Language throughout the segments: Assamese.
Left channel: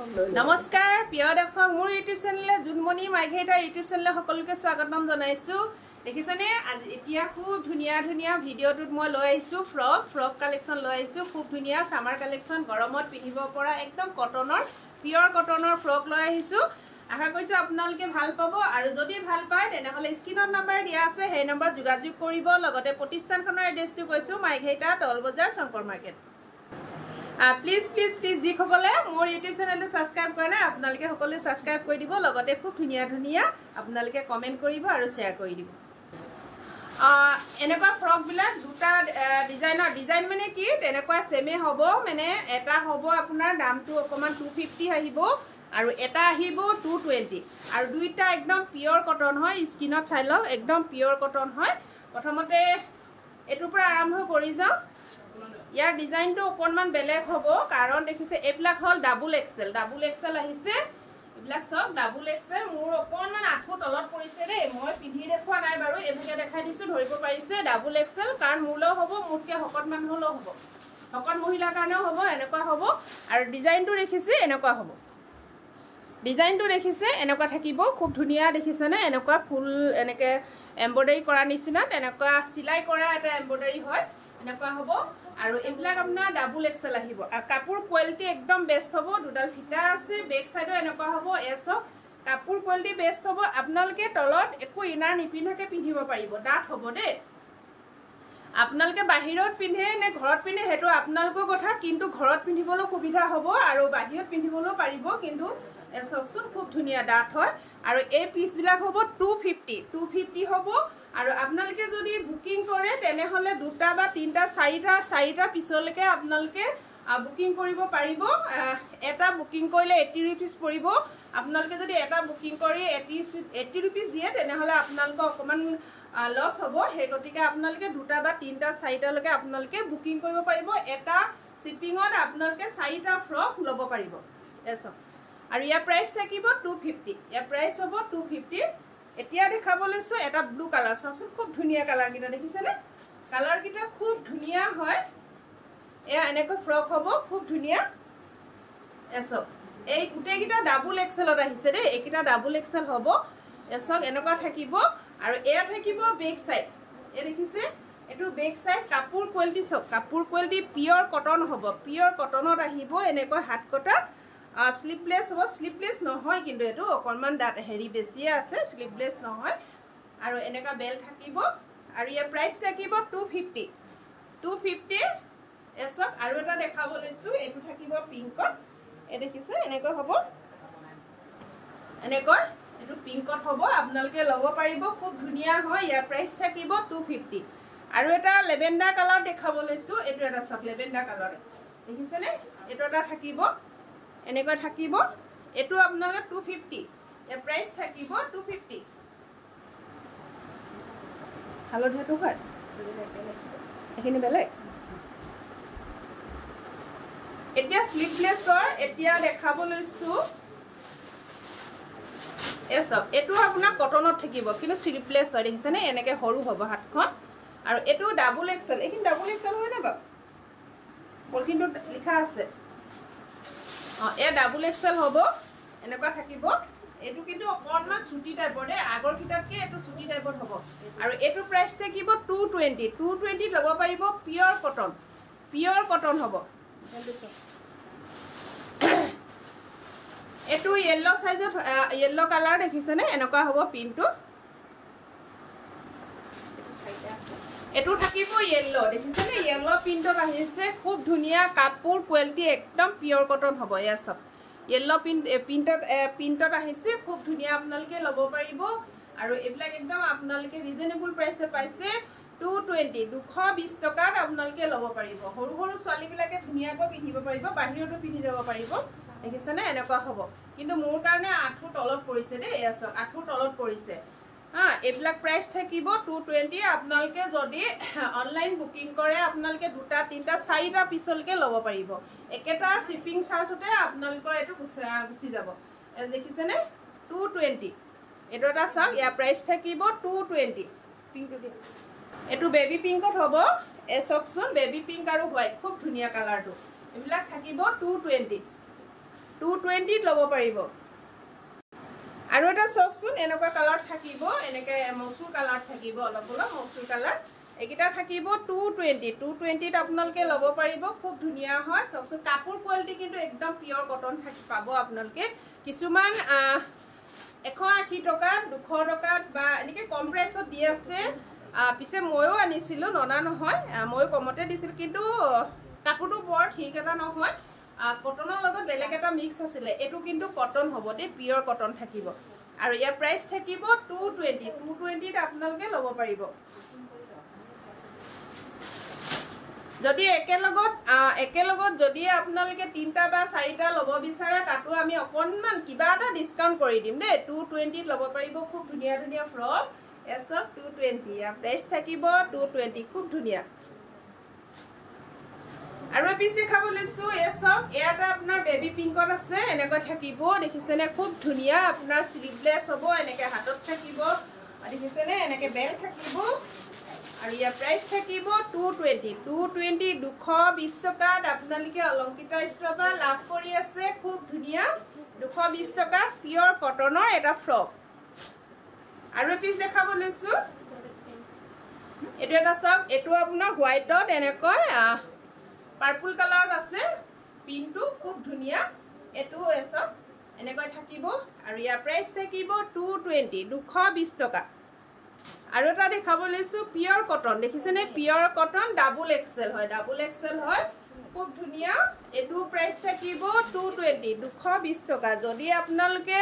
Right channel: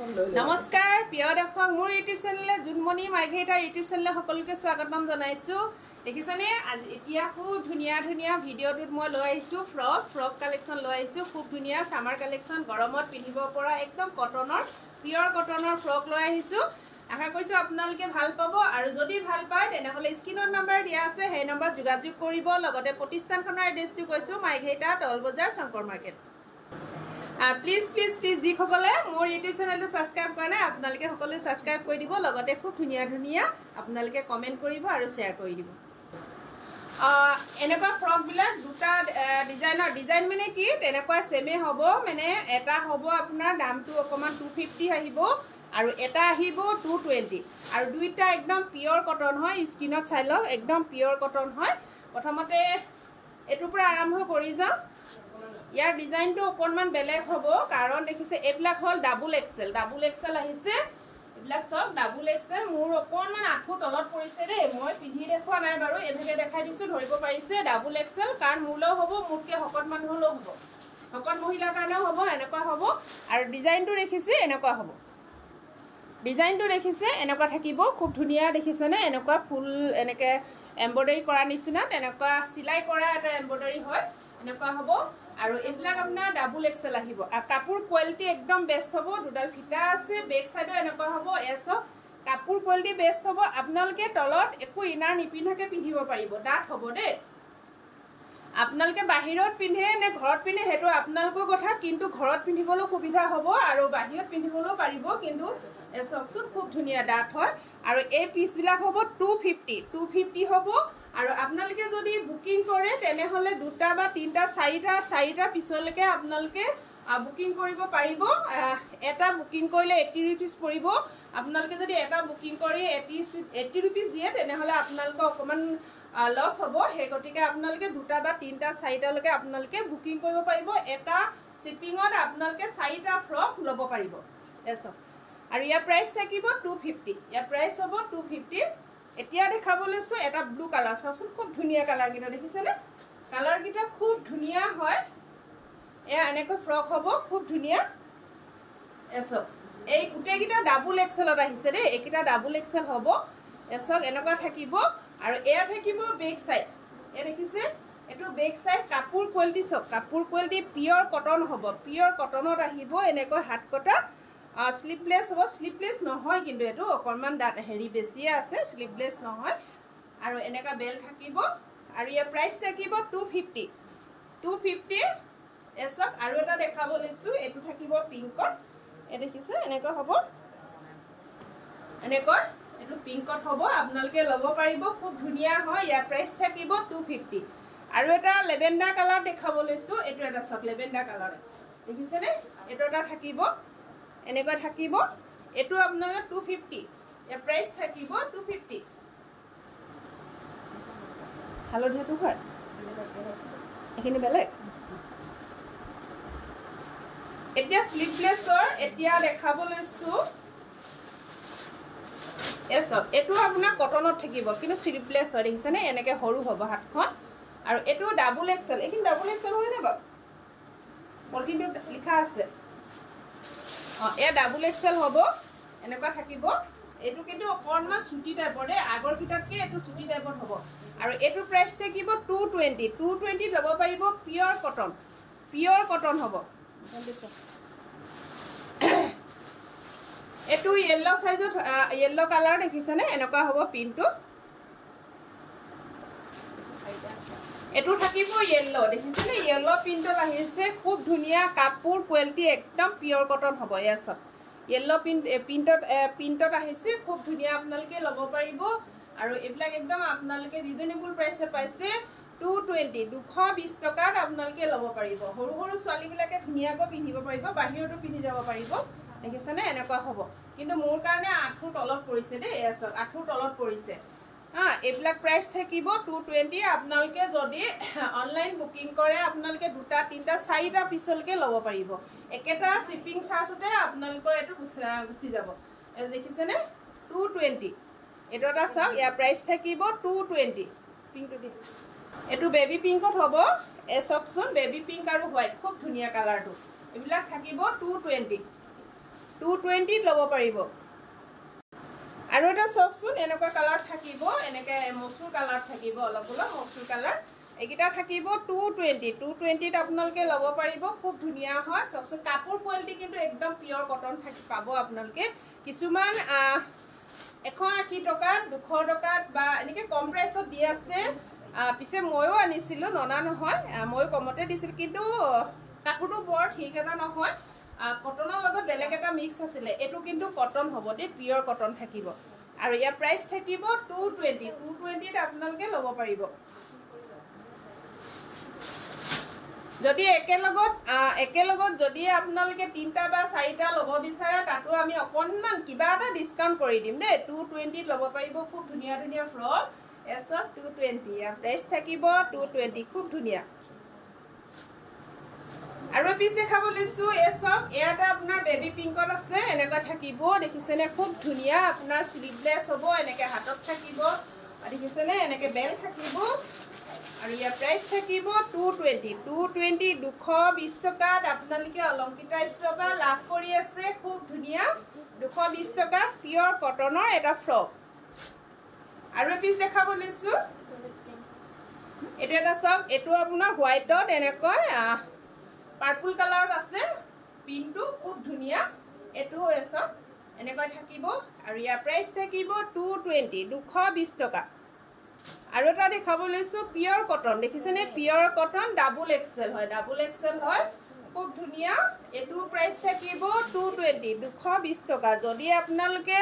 নমস্কাৰ প্ৰিয় দৰ্শক মোৰ ইউটিউব চেনেলে জুনমণি মাইঘেইটাৰ ইউটিউব চেনেলে সকলোকে স্বাগতম জনাইছো দেখিছনে আজি এতিয়া খুব ধুনিয়া ধুনিয়া ভিডিওটোত মই লৈ আহিছো ফ্ৰক কালেকশন লৈ আহিছো খুব ধুনিয়া সামাৰ কালেকশন গৰমত পিন্ধিব পৰা একদম কটনৰ পিওৰ কটনৰ ফ্ৰক লৈ আহিছো আশা কৰিছো আপোনালোকে ভাল পাব আৰু যদি ভাল পায় তেনেহলে স্ক্ৰিনত নম্বৰ দিয়া আছে সেই নম্বৰ যোগাযোগ কৰিব লগতে প্ৰতিষ্ঠানখনৰ এড্ৰেছটো কৈছো মাইঘেইটা টল বজাৰ Shankar market Please ji khobole mor YouTube channel subscribe korna apnalike hokole subscribe kori dibo logote khub dhuniya apnalike comment koribo aru share kori dibo enekwa frog bilak duta design mane ki tenekwa same hobo mane eta hobo apunar dam tu okoman 250 ahibo aru eta ahibo 220 aru duita ekdom pure cotton hoy skin ot chailo ekdom pure cotton hoy prothomote etu pura arambho kori jao यार डिजाइन तो ओकनमान बेलेग होबो कारण देखिसे एब्लाक हल डबल एक्सेल আহিছে এब्लाक सब डबल एक्सेल मोर ओकनमान आठु तलत परिसे रे মই পিন্ধি দেখুৱা নাই বাৰু এবিকে দেখাই দিছো ধৰিব পাৰিছে ডবল एक्सेल কাৰণ মূল হ'ব মুটকে হকত মান হলো হ'ব হকত মহিলা কাৰণে হ'ব এনেকুৱা হ'ব আৰু ডিজাইনটো দেখিছে এনেকুৱা হ'ব ডিজাইনটো দেখিছে এনেকুৱা থাকিব খুব ধুনিয়া দেখিছে না এনেকুৱা ফুল এনেকে এমব্ৰয়ডাৰী কৰা নিচিনা তেনেকুৱা সিলাই কৰা এটা এমব্ৰয়ডাৰী হয় এনেকুৱা হ'ব আৰু এবিলাক আপোনাৰ ডাবল এক্সেল আহিব কাপোৰ কোৱালিটি একদম বেস্ট হ'ব দুডাল ফিটা আছে বেক সাইডো এনেকুৱা হ'ব এসো কাপোৰ কোৱালিটি বেস্ট হ'ব আপোনালোকে তলত একো ইনাৰ নিপিন্ধাকে পিন্ধিব পাৰিব দাঁত হ'ব দে আপোনালোকে বাহিৰত পিন্ধে নে ঘৰত পিন্ধে হেটো আপোনালোকৰ কথা কিন্তু ঘৰত পিন্ধিবলৈ সুবিধা হ'ব আৰু বাহিৰত পিন্ধিবলৈ পাৰিব কিন্তু এসকচোন খুব ধুনিয়া দাঁত হয় আৰু এই পিস বিলাক হ'ব 250 হ'ব আৰু আপোনালোকে যদি বুকিং কৰে তেনে হলে দুটা বা তিনটা চাৰিটা পিছলৈকে আপোনালোকে বুকিং কৰিব পাৰিব এটা বুকিং কৰিলে 80 रुपीस পৰিব আপোনালোকে যদি এটা বুকিং কৰি 80 रुपीस দিয়ে তেনে হলে আপোনালোকৰ অকমান লস হ'ব হে গতিকে আপোনালোকে দুটা বা তিনটা চাৰিটা লৈকে আপোনালোকে বুকিং কৰিব পাৰিব এটা শিপিংত আপোনালোকে চাৰিটা ফ্ৰক লব পাৰিব এসব আৰু ইয়াৰ প্ৰাইস থাকিব 250 ইয়াৰ প্ৰাইস হ'ব 250 এতিয়া দেখাবলৈছো এটা ব্লু কালাৰ সবসে খুব ধুনিয়া কালাৰ গিটা দেখিছেনে কালাৰ গিটা খুব ধুনিয়া হয় এ এনেকৈ ফ্ৰক হ'ব খুব ধুনিয়া এসব এই গুটে গিটা ডাবল এক্সেলত আহিছে ৰে একিটা ডাবল এক্সেল হ'ব এসব এনেকুৱা থাকিব আৰু এয়া থাকিব বেক সাইড এ দেখিছে এটো বেক সাইড কাপোৰ কোৱালিটি সব কাপোৰ কোৱালিটি পিওৰ কটন হ'ব পিওৰ কটনত আহিব এনেকৈ হাত কটা স্লিপলেস হ'ব স্লিপলেস নহয় কিন্তু এটো অকনমান দাঁত হেৰি বেছি আছে স্লিপলেস নহয় আৰু এনেকা বেল থাকিব আৰু ইয়াৰ প্ৰাইস থাকিব 250 এসব আৰু এটা দেখাব লৈছো এটো থাকিব পিংকত এ দেখিছে এনেকৈ হ'ব এনেকৈ এটো পিংকত হ'ব আপোনালোকে লব পাৰিব খুব ধুনিয়া হয় ইয়াৰ প্ৰাইস থাকিব 250 আৰু এটা লেভেন্ডাৰ কালাৰ দেখাব লৈছো এটো এটা সব লেভেন্ডাৰ কালাৰ দেখিছে নে এটো এটা থাকিব এনেকৈ থাকিব এটো আপোনালোকে 250 ইয়াৰ প্ৰাইস থাকিব 250 হালধিয়াটো হয় এখিনি বেলেগ এতিয়া স্লিপলেছৰ এতিয়া দেখাব লৈছো এসব এটো আপোনাৰ কটনত থাকিব কিন্তু স্লিপলেছ হয় দেখিছে নে এনেকৈ সৰু হ'ব হাতখন আৰু এটো ডাবল এক্সেল এখিনি ডাবল এক্সেল হয় না বাপ পলিথিনটো লিখা আছে এ ডাবল এক্সেল হ'ব এনেকুৱা থাকিব এটো কিন্তু অকনমান সুটি টাইপৰ দে আগৰ কিটাতকে এটো সুটি টাইপৰ হ'ব আৰু এটো প্ৰাইস থাকিব 220 লব পাৰিব পিওৰ কটন হ'ব এটো ইয়েলো সাইজত ইয়েলো কালাৰ দেখিছেনে এনেকুৱা হ'ব পিনটো এটো থাকিব ইয়েলো দেখিছেনে ইয়েলো প্ৰিন্টত আহিছে খুব ধুনিয়া কাপোৰ কোৱালিটি একদম পিওৰ কটন হ'ব এয়া সব ইয়েলো প্ৰিন্টত আহিছে খুব ধুনিয়া আপোনালোকে লব পাৰিব আৰু এবিলাক একদম আপোনালোকে ৰিজনেবল প্ৰাইসে পাইছে 220 টকাত আপোনালোকে লব পাৰিব সৰু সৰু ছোৱালী বিলাকে ধুনিয়াকৈ পিন্ধিব পাৰিব বাহিৰতো পিন্ধি যাব পাৰিব দেখিছেনে এনেকুৱা হ'ব কিন্তু মোৰ কাৰণে আঠু তলত পৰিছে দে এসব আঠু তলত পৰিছে এবিলাক প্ৰাইস থাকিব 220 আপোনালোকে যদি অনলাইন বুকিং কৰে আপোনালোকে দুটা তিনটা চাৰিটা পিছলৈকে লব পাৰিব একেটা শিপিং চাৰ্জতে আপোনালোকৰ এটো গুচি যাব দেখিছেনে 220 এটো এটা সব ইয়াৰ প্ৰাইস থাকিব 220 পিংকটো দি এটো বেবি পিংকত হ'ব এসকচোন বেবি পিংক আৰু হোৱাইট খুব ধুনিয়া কালাৰটো এবিলাক থাকিব 220 220 ল'ব পাৰিব আৰু এটা চাওকচোন এনেকুৱা কালাৰ থাকিব এনেকে মসুৰ কালাৰ থাকিব অলপ অলপ মসুৰ কালাৰ এইকেইটা থাকিব 220 আপোনালোকে ল'ব পাৰিব খুব ধুনীয়া হয় চাওকচোন কাপোৰ কোৱালিটি কিন্তু একদম পিয়ৰ কটন থাকি পাব আপোনালোকে কিছুমান 180 টকা 200 টকা বা এনেকে কম প্ৰাইসত দি আছে পিছে ময়ো আনিছিলো ননা নহয় মই কমতে দিছিল কিন্তু কাপোৰটো বৰ ঠিক এটা নহয় কটনৰ লগত বেলেগ এটা মিক্স আছিলে এটো কিন্তু কটন হ'ব দে পিয়ৰ কটন থাকিব আৰু ইয়াৰ প্ৰাইস থাকিব 220 আপোনালোকে ল'ব পাৰিব যদি একেলগত যদি আপোনালোকে 3টা বা 4টা ল'ব বিচাৰে তাতো আমি অকনমান কিবা এটা ডিসকাউন্ট কৰি দিম দে 220 ল'ব পাৰিব খুব ধুনীয়া ধুনীয়া ফ্ৰক এসব 220 ইয়াৰ প্ৰাইস থাকিব 220 খুব ধুনীয়া আৰু পিছ দেখাব লৈছো এসব এটা আপোনাৰ বেবি পিংকত আছে এনেকৈ থাকিব দেখিছেনে খুব ধুনীয়া আপোনাৰ স্লিভলেস হ'ব এনেকৈ হাতত থাকিব দেখিছেনে এনেকৈ বেল থাকিব আৰু ইয়াৰ প্ৰাইস থাকিব 220 220 টকাত আপোনালোকে অলংকিতা ষ্ট'ৰপা লাভ কৰি আছে খুব ধুনীয়া 220 টকা পিয়ৰ কটনৰ এটা ফ্ৰক আৰু পিছ দেখাব লৈছো এটো এটা সব এটো আপোনাৰ হোৱাইটত এনেকৈ পাৰ্পল কালাৰত আছে পিনটো খুব ধুনীয়া এটো এসব এনেকৈ থাকিব আৰু ইয়াৰ প্ৰাইস থাকিব 220 টকা আৰু এটা দেখাব লৈছো পিয়ৰ কটন দেখিছেনে পিয়ৰ কটন ডাবল এক্সেল হয় খুব ধুনীয়া এটো প্ৰাইস থাকিব 220 টকা যদি আপোনালোকে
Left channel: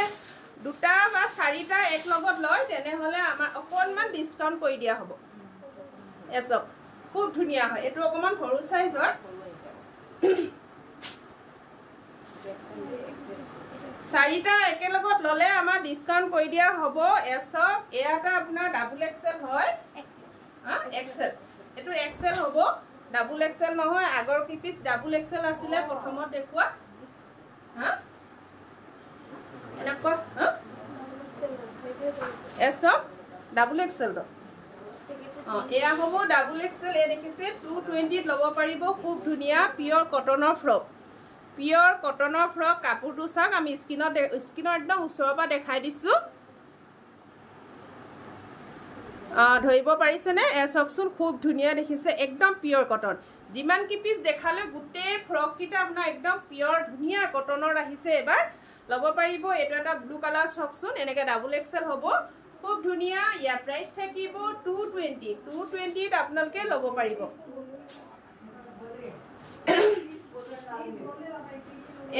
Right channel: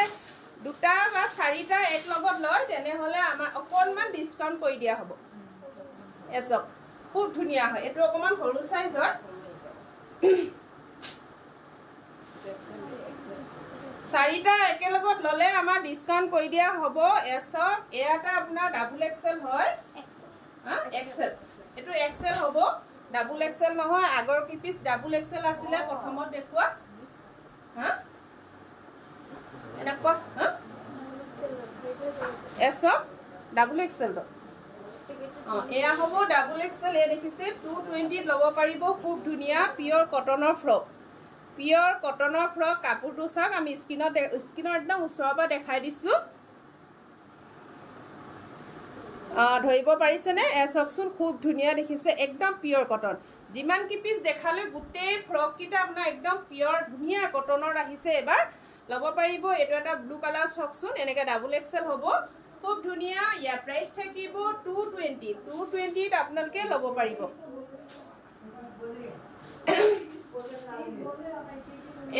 দুটা বা 4টা এক লগত লয় তেনে হলে আমাৰ অকনমান ডিসকাউন্ট কৰি দিয়া হ'ব এসব খুব ধুনীয়া হয় এটো অকমান সৰু সাইজ হয় 4টা একেলগত ললে আমাৰ ডিসকাউন্ট কৰি দিয়া হ'ব এসব এটা আপোনাৰ ডাবল এক্সেল হয় এক্সেল এটো এক্সেল হ'ব ডাবল এক্সেল নহয় আগৰ কি পিস ডাবল এক্সেল আছিলে প্ৰথমত দেখুৱা এনেকুৱা এসব ডাবল এক্সেল এয়া হ'ব ডাবল এক্সেল এ দেখিছে 220 ল'ব পাৰিব খুব ধুনীয়া পিয়ৰ কটনৰ ফ্ৰক কাপোৰটো চাওক আমি স্কিনৰ একদম ওচৰৰ পৰা দেখাই দিছো ধৰিব পাৰিছেনে এসবচোন খুব ধুনীয়া দেখিছে একদম পিয়ৰ কটন যিমান কি পিস দেখালে গুটেই ফ্ৰক কিটা আপোনাৰ একদম পিয়ৰ ধুনীয়া কটনৰ আহিছে এবাৰ ল'ব পাৰিব এটো এটা ব্লু কালাৰ চাওকচোন এনেকৈ ডাবল এক্সেল হ'ব খুব ধুনীয়া ইয়াৰ প্ৰাইস থাকিব 220 আপোনালোকে ল'ব পাৰিব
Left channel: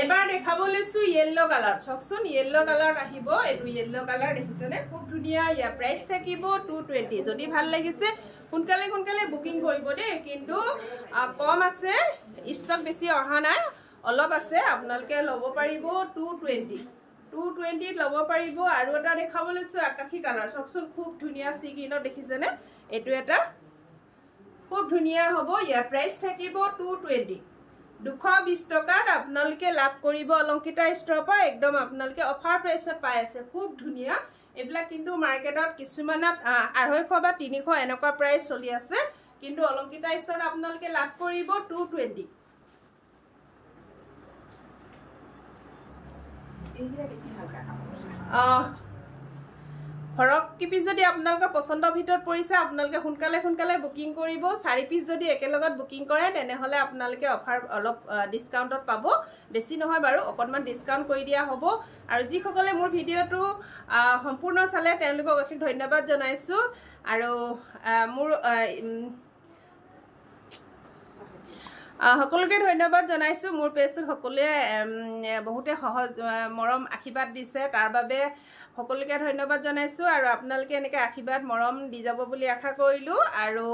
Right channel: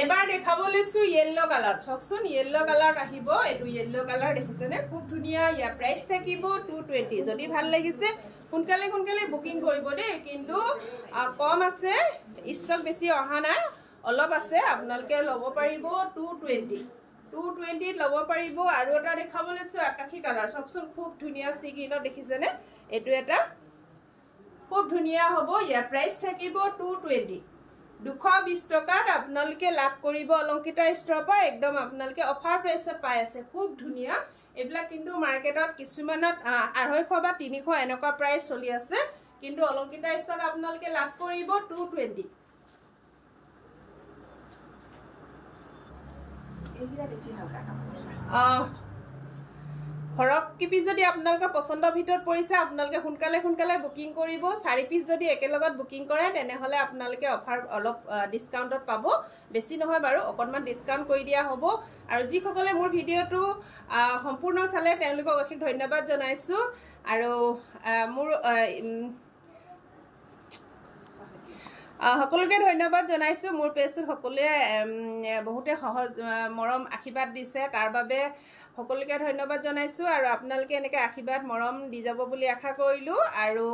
এবাৰ দেখাব লৈছো ইয়েলো কালাৰ চাওকচোন ইয়েলো কালাৰ আহিব এটো ইয়েলো কালাৰ দেখিছেনে খুব ধুনীয়া ইয়াৰ প্ৰাইস থাকিব 220 যদি ভাল লাগিছে সোনকালে বুকিং কৰিব দেই কিন্তু কম আছে ষ্টক বেছি অহা নাই অলপ আছে আপোনালোকে ল'ব পাৰিব 220 ল'ব পাৰিব আৰু এটা দেখাব লৈছো আকাশী কালাৰ চাওকচোন খুব ধুনীয়া সিগিনত দেখিছেনে এটো এটা খুব ধুনীয়া হ'ব ইয়াৰ প্ৰাইস থাকিব 220 টকাত আপোনালোকে লাভ কৰিব অলংকিতা ষ্ট'ৰৰ পৰা একদম আপোনালোকে অফাৰ প্ৰাইসত পাই আছে খুব ধুনীয়া এবিলাক কিন্তু মাৰ্কেটত কিছুমানত 250 বা 300 এনেকুৱা প্ৰাইস চলি আছে কিন্তু অলংকিতা ষ্ট'ৰত আপোনালোকে লাভ কৰিব 220 এইগিলা বেছি হালকা কাপোৰ ফৰক কি পিস যদি আপোনালোকৰ পছন্দৰ ভিতৰত পৰিছে আপোনালোকে সোনকালে বুকিং কৰিব 4 পিস যদি একেলগত বুকিং কৰে তেনে হলে আপোনালোকে অফাৰ অলপ ডিসকাউন্টত পাব বেছি নহয় বাৰু অকনমান ডিসকাউন্ট কৰি দিয়া হ'ব আৰু যি সকলে মোৰ ভিডিওটো সম্পূৰ্ণ চালে তেওঁলোকক অশেষ ধন্যবাদ জনাইছো আৰু মোৰ সকলোকে ধন্যবাদ জনাইছো মোৰ পেজটো সকলোৱে বহুতে সহজ মৰম আশীৰ্বাদ দিছে তাৰ বাবে সকলোকে ধন্যবাদ জনাইছো আৰু আপোনালোকে এনেকৈ আশীৰ্বাদ মৰম দি যাব বুলি আশা কৰিলো আৰু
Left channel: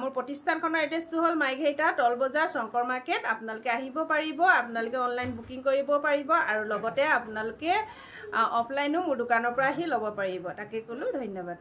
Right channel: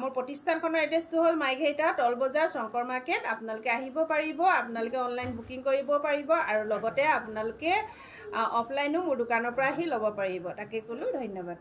মোৰ প্ৰতিষ্ঠানখনৰ এড্ৰেছটো হ'ল মাইঘেইটা টল বজাৰ শংকৰ মাৰ্কেট আপোনালোকে আহিব পাৰিব আপোনালোকে অনলাইন বুকিং কৰিব পাৰিব আৰু লগতে আপোনালোকে অফলাইনো মোৰ দোকানৰ পৰা আহি ল'ব পাৰিব তাকে ক'লো ধন্যবাদ